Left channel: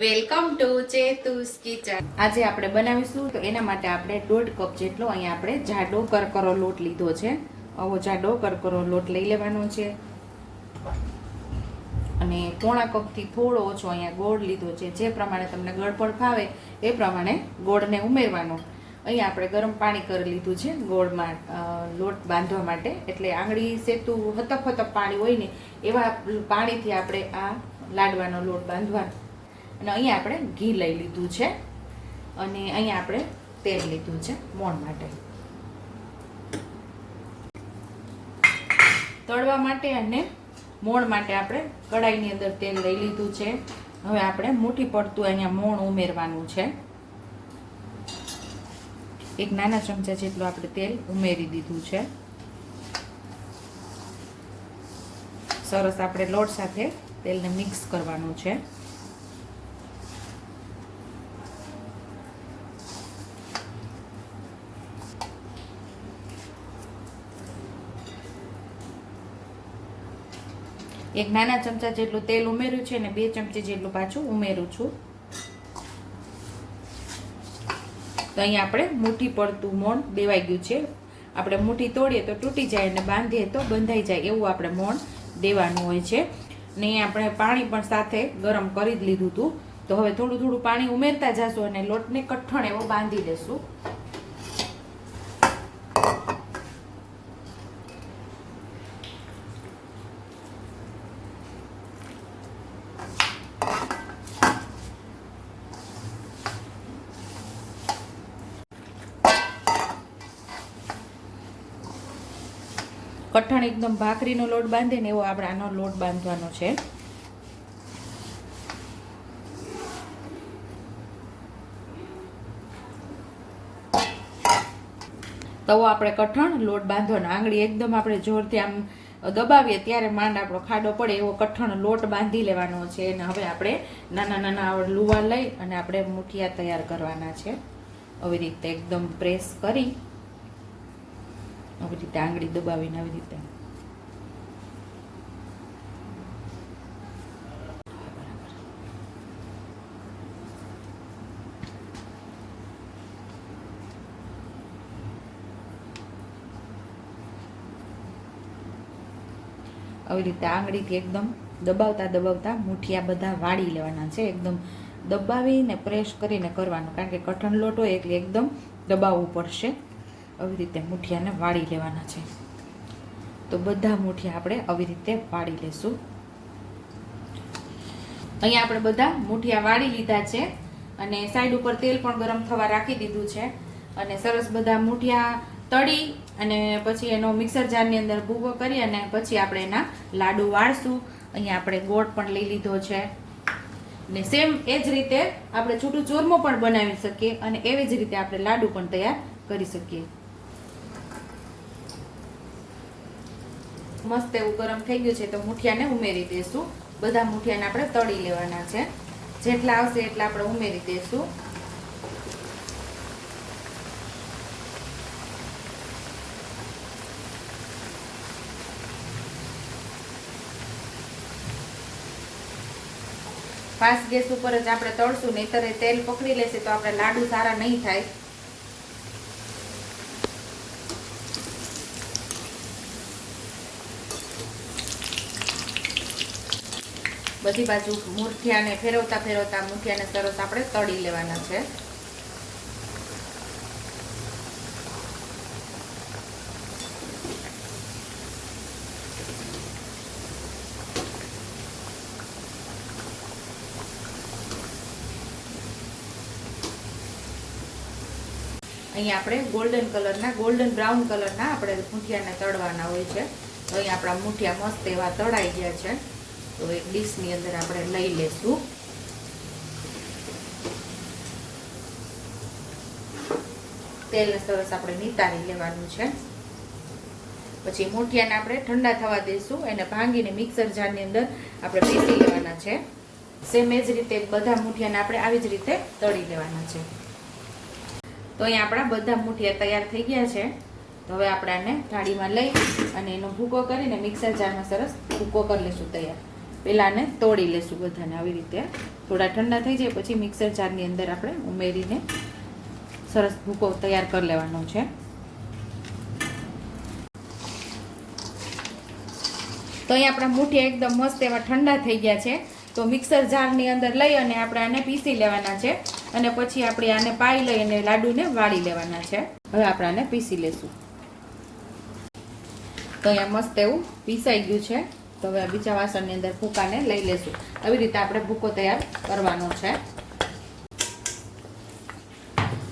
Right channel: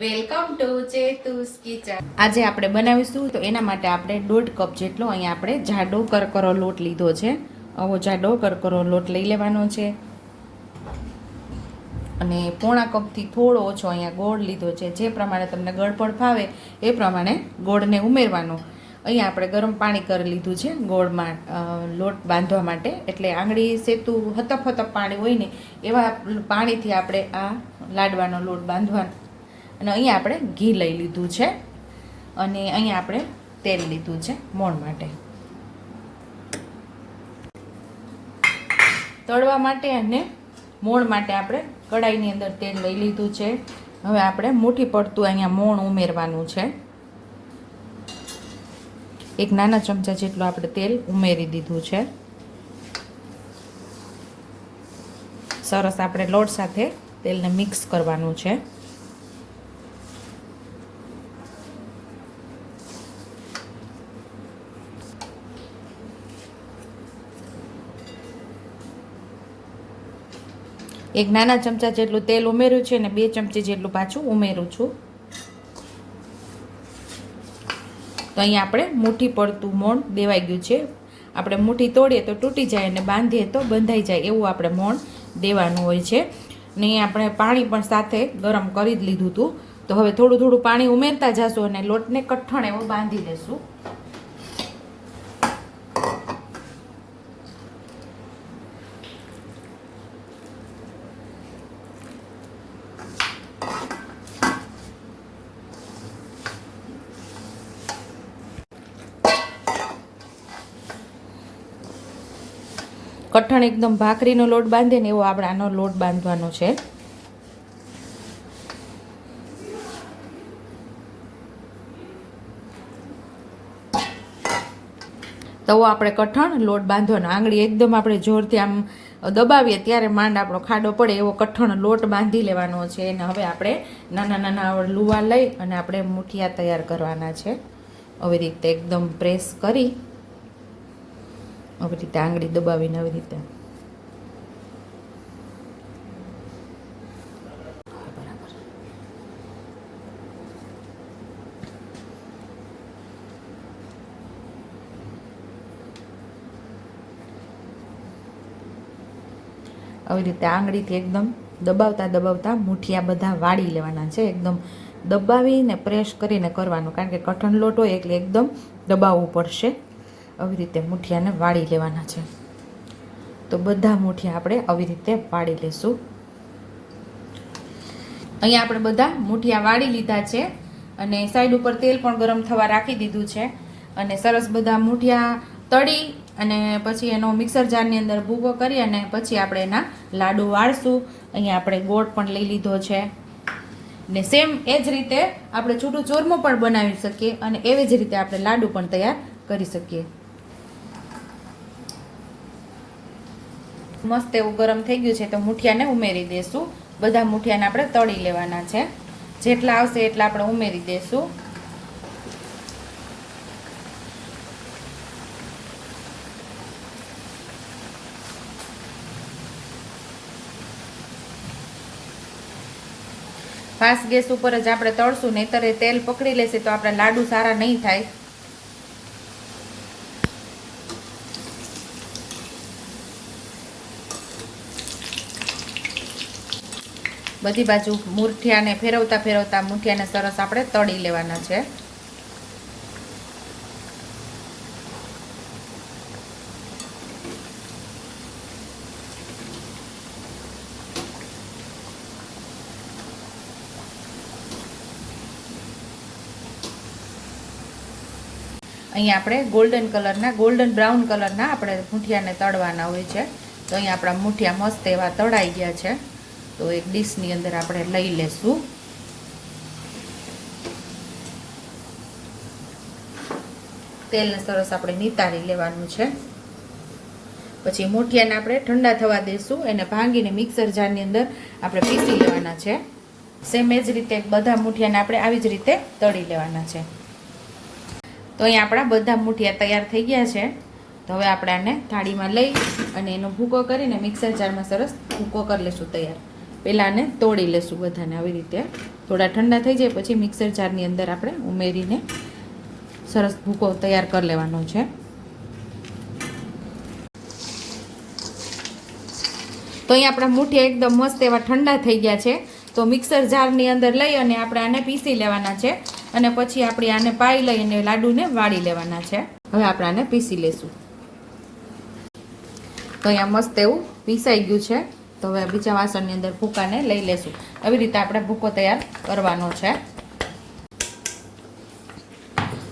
Welcome to ચેતુસ kitchen. આજે આપણે બનાવીશું તો એના માટે આપણે દોઢ કપ જેટલો અહીંયા આપણે જાડો કરકરો લોટ લીધો છે. આવો જાડો કરકરો લોટ લઈ લેવાનો છે. અને પોણા કપથી થોડો ઓછો અહીંયા ગોળ લીધો છે. જે પ્રમાણે તમને ગળપણ ફાવે એ પ્રમાણે ગોળને ઉમેરવાનો. અહીંયા આપણે ગરમ પાણી કરી લીધું છે ગોળમાં લોટ બાંધવા માટે. એટલે આંગળી સેતું હતપ હતપ પાણી હોય ને એવા પાણીથી આપણે આ લાડવાનો લોટ બાંધવાનો અને અહીંયા આપણે ઘી લઈ લીધું છે. અને અહીંયા આપણે તેલ લીધું છે મોણ માટે. તળવા માટે અને મોણ માટે આપણે કડાઈની અંદર તેલ લઈ લીધું છે. હવે આપણે મોટી પડતું અહીંયા મોણ ઉમેરવાનું છે. એક નાના ચમચા જેટલું આપણે તેલ ઉમેરી દીધું છે. સરસ આપણે લોટ સાથે તેલને મિક્સ કરવાનું છે. એક નાના ચમચા જેટલું તેલ ઉમેર્યું છે અને બે ચમચી જેટલું પાછું ઉમેરું છું. તો અહીંયા આપણે મુઠ્ઠી પડતું મોણ દેવાઈ ગયું છે. આપણે મુઠ્ઠી તોડીએ તો તૂટી જાય અને બાંધીએ તો બંધાઈ જાય એવું આપણે મોણ દેવાનું હોય છે. ને અહીંયા આપણે પાણી પણ સાથે ગરમ કરી જ લીધું હતું. તો હવે થોડું થોડું પાણી ઉમેરતા જશું અને લોટને કઠણ એવો બાંધી લેશું. કઠણ એકદમ ભાખરીનો લોટ બાંધે ને એવો આપણે આનો લોટ બાંધવાનો છે. તવો આપણે કઠણ લોટ બાંધવાનો. આંગળી એકદમ આપણે જોરથી આમ દબાવીએ ત્યારે માંડ આપણો ખાડો પડે એવો કઠણ લોટ બાંધી લેવાનો છે. અને હવે આપણે નાના નાના લુવા લઈ અને આપણે મુઠિયા તૈયાર કરવાના છે. આવી રીતે એકદમ પ્રેસ કરી આવી રીતે આંગળી દબાવીને આવી રીતે. આવી રીતે આંગળીથી એકદમ દબાવતા દબાવતા મુઠિયા બધા વાળી લેવાના છે. એકદમ દબાવીને પ્રેસ કરીને કરવાનું. કારણ કે કઠણ લોટ હોય એટલે એકદમ દબાવવું પડશે. આવી રીતે મુઠિયાને વાળી લેવાના છે. તો બધા મુઠિયા આપણે આવી રીતે વાળી લઈશું. અહીંયા આપણે બધા મુઠિયા વાળી લીધા છે અને સાઈડ ઉપર તેલ પણ ગરમ થવા રાખી દીધું છે. અને સરસ બધા મુઠિયા તળી અને પછી એનો મિક્સર જારની અંદર ભૂકો કરી અને પછી આપણે એના લાડુ વાળશું. અહીંયા આપણે ગોળ પણ લઈ લીધો છે. ને સેમ એ જ રીતે આપણે છૂટું ચોરમો પણ બનાવી શકીએ અને એવી જ રીતે આપણે લાડુ પણ તૈયાર કરી શકીએ. મસ્ત એવું ગરમ થઈ ગયું છે તો મુઠિયાને ઉમેરી દઈશું બધા મુઠિયાને આપણે તળી લેવાના છે. જેટલા આવશે એટલા આપણે ઉમેરી દેશું. ફાસ્ટ ગેસ ઉપર જ આપણે તળશું, નહીતર તેલ પકડી લેશે તો આપણા લાડુ સારા નહીં થાય. બધી બાજુ મૂઠિયાને ફેરવતા ફેરવતા મૂઠિયાને સરસ આપણે તળી લેવાના છે. અહીંયા આપણે ગોલ્ડન કલરના ગોલ્ડન બ્રાઉન કલરના આપણે મૂઠિયાને તળવાના હોય છે. તો અહીંયા આપણા મૂઠિયા મસ્ત એવા તળાઈ ગયા છે. તો એક ડીશની અંદર આપણે લઈ લેશું. તેલને સરસ આપણે નિતારી લેવાનું છે. પછી મોઠિયાને આપણે ઠંડા થવા દઈશું એને ભાંગીને મિક્સર જારની અંદર આપણે પીસી લેવાના છે. સેમ એ જ રીતે બધા મૂઠિયાને આપણે આવી જ રીતે તળી લેવાના છે. તો અહીંયા આપણા બધા મૂઠિયા તૈયાર થઈ ગયા છે. તો હવે આપણે આને થાળીમાં લઈ અને એનો ભૂકો કરીને મિક્સર જારમાં સરસ ભૂકો કરી લઈશું તૈયાર. પહેલાં આને તોડી લેશું બધાને આવી રીતે. થોડા ઠંડા થઈ જાય પછી મિક્સર જારની અંદર આપણે ઉમેરીને સરસ ભૂકો તૈયાર કરી લેવાનો છે. તો અહીં આપણા મૂઠિયા એકદમ મસ્ત એવા ઠંડા થઈ ગયા છે. તો મિક્સર જારની અંદર લઈ અને આપણે આને પીસી લેવાના છે અને પછી આપણે આને પાઈ લઈ અને લાડુને વાળી લેવાના છે. હવે આપણે આને પીસી લેશું. તો અહીંયા મસ્ત એવું પીસાઈ ગયું છે. તો હવે બીજા વાસણની અંદર ભૂકાને લઈ લેશું. આવી રીતે આપણે ભૂકો તૈયાર કરવાનો છે.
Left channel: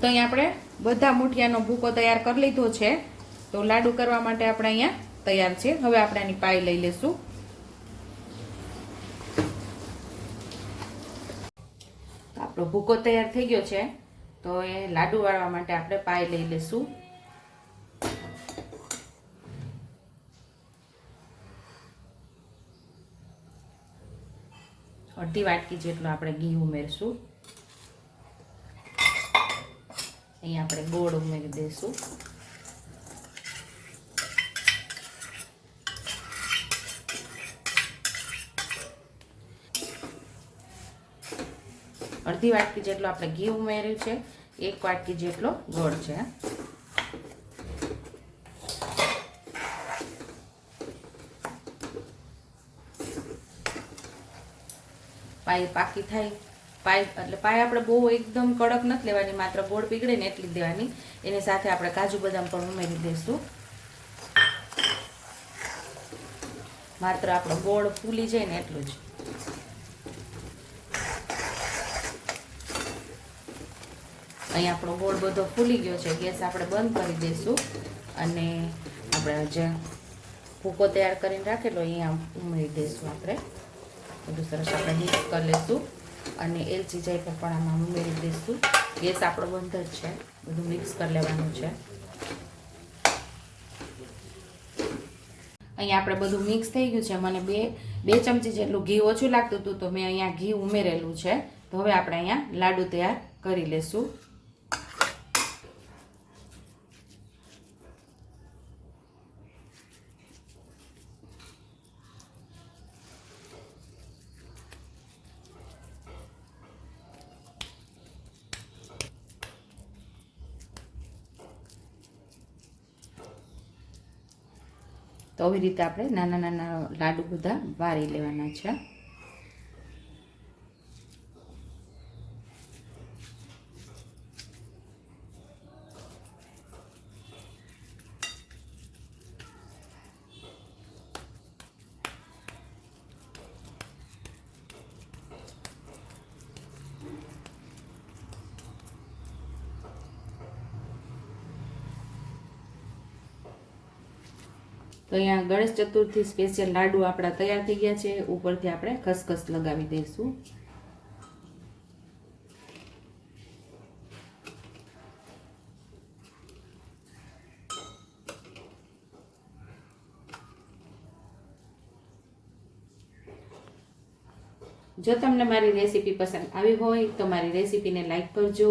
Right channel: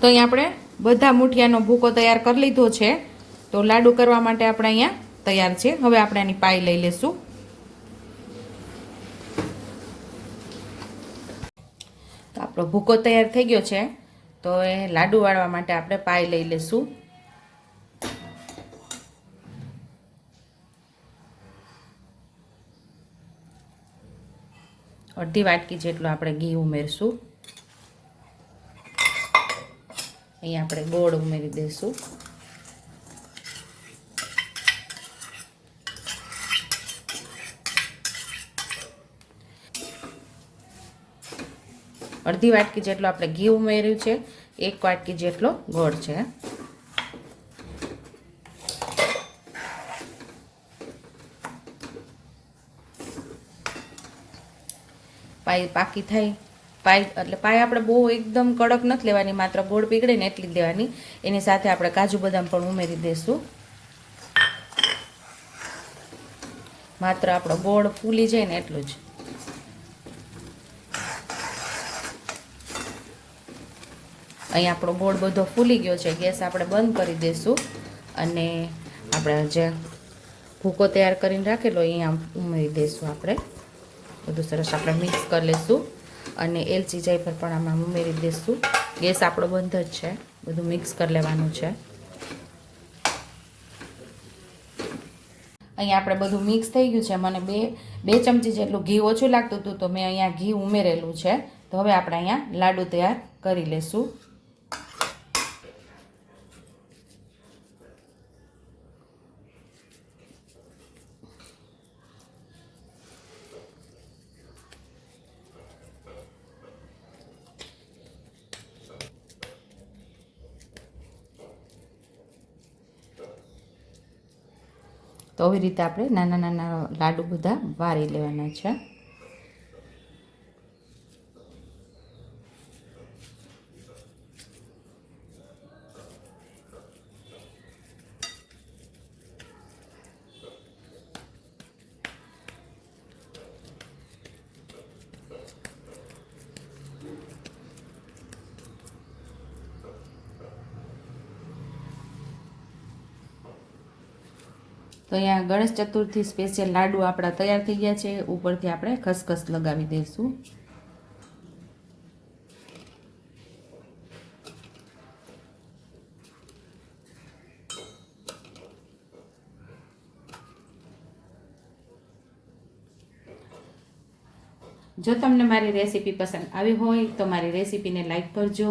તો અહીંયા આપણે બધા મૂઠિયાનો ભૂકો તૈયાર કરી લીધો છે. તો લાડુ કરવા માટે આપણે અહીંયા તૈયાર છે. હવે આપણે આની પાઈ લઈ લેશું. તો આપણો ભૂકો તૈયાર થઈ ગયો છે. તો એ લાડુ વાળવા માટે આપણે પાઈ લઈ લેશું. અડધી વાટકી જેટલું આપણે ઘી ઉમેરશું. અહીં આપણે ગોળ ઉમેરી દઈશું. અડધી વાટકી જેટલો આપણે ઘી ઉમેર્યું છે, એક વાટકી જેટલો ગોળ છે. પાઈ પાકી થાય. પાઈ એટલે પાય આપણે બહુ એકદમ કડક નથી લેવાની, માત્ર ગોળ પીગળે ને એટલી દેવાની. એની સાથે આપણે કાજુ બદામ પણ ઉમેરી દઈશું. માત્ર આપણો ગોળ ફૂલી જાય ને એટલું જ. અહીં આપણો ગોળ બધો ફૂલી ગયો છે, ગેસ આપણે બંધ કરી દઈશું. અને આપણે જે ભૂકો તૈયાર કરીને રાખેલો અહીંયા ઉમેરી દઈશું આપણે. બધું સરસ આપણે મિક્સ કરી લઈશું અને એલચી પર પણ આમાં ઉમેરી દઈશું ગેસ આપણો બંધ જ છે. બધું મિક્સ કરી લેવાનું છે. અહીંયા આપણે બધું મિક્સ થઈ ગયું છે. મને બે બે ચમચી જેટલું ઘી ઓછું લાગતું હતું તો મેં અહીંયા ઘી ઉમેરેલું છે. તો હવે આપણે અહીંયા લાડુ તૈયાર કરી લઈશું તો આવી રીતે આપણે નાના નાના લાડુ બધા વારી લેવાના છે. તો અહીંયા ગણેશ ચતુર્થી સ્પેશિયલ લાડુ આપણા તૈયાર થઈ ગયા છે. ઉપરથી આપણે ખસખસ લગાવી દઈશું. જો તમને મારી રેસીપી પસંદ આવી હોય તો મારી રેસીપીને લાઈક કરજો.